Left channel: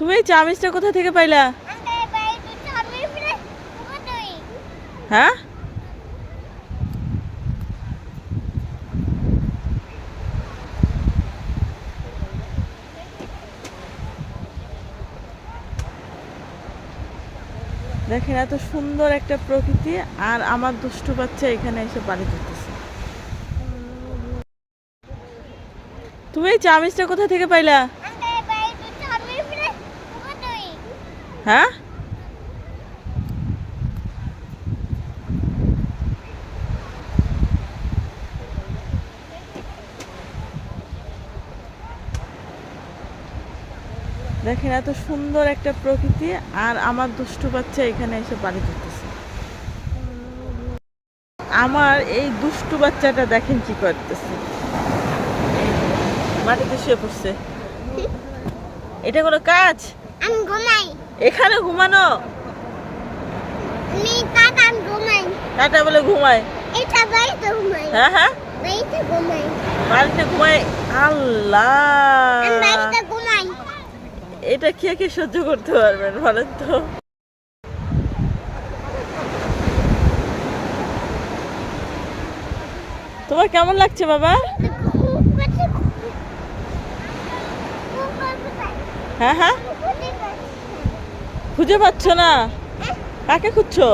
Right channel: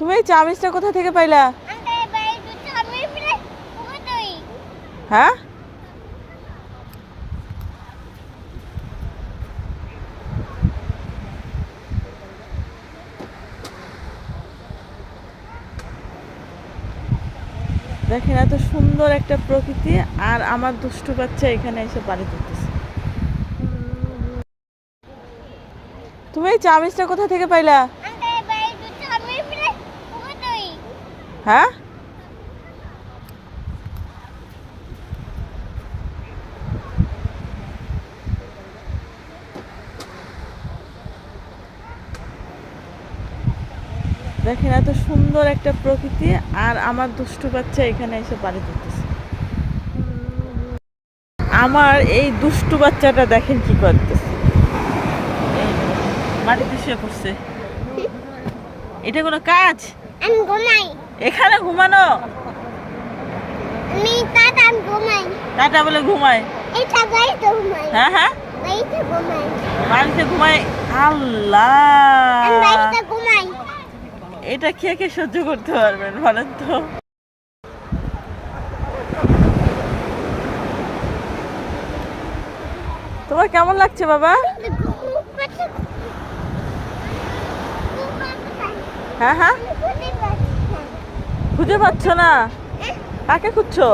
তুমি এই চামিচটা কোথা থেকে পাইলা? হ্যাঁ, দেখেন এত সুন্দর একটা প্রকৃতি, আর আমার দুষ্টু বাচ্চা এখানে এসে পানি দিতেছে। তুমি এই চামিচটা কোথা থেকে পাইলা? হ্যাঁ, দেখেন এত সুন্দর একটা প্রকৃতি, আর আমার দুষ্টু বাচ্চা এখানে এসে পানি দিতেছে। আমার এই দুষ্টু বাচ্চাটা দেখেন কি করতেছে, মাটিতে শুয়ে পড়ছে। এটা কোনো কাজ? আমি ঘুমাই। এখানে ঘুমানো? আমি টাটা ঘুমাই। টাটা বলে ঘুমায়? এটা বাড়িতে ঘুমাই। হ্যাঁ হ্যাঁ, বাড়িতে ঘুমাই। বাড়িতে ঘুমায়? আল্লাহ, আমি বাড়িতে ঘুমাই। এটা কে কে সহ্য করতে পারবেন বলেন তো? তোমার কেমন লাগছে বাবা? হ্যাঁ হ্যাঁ, খুঁজে পাচ্ছ না? কাকে খুঁজছো?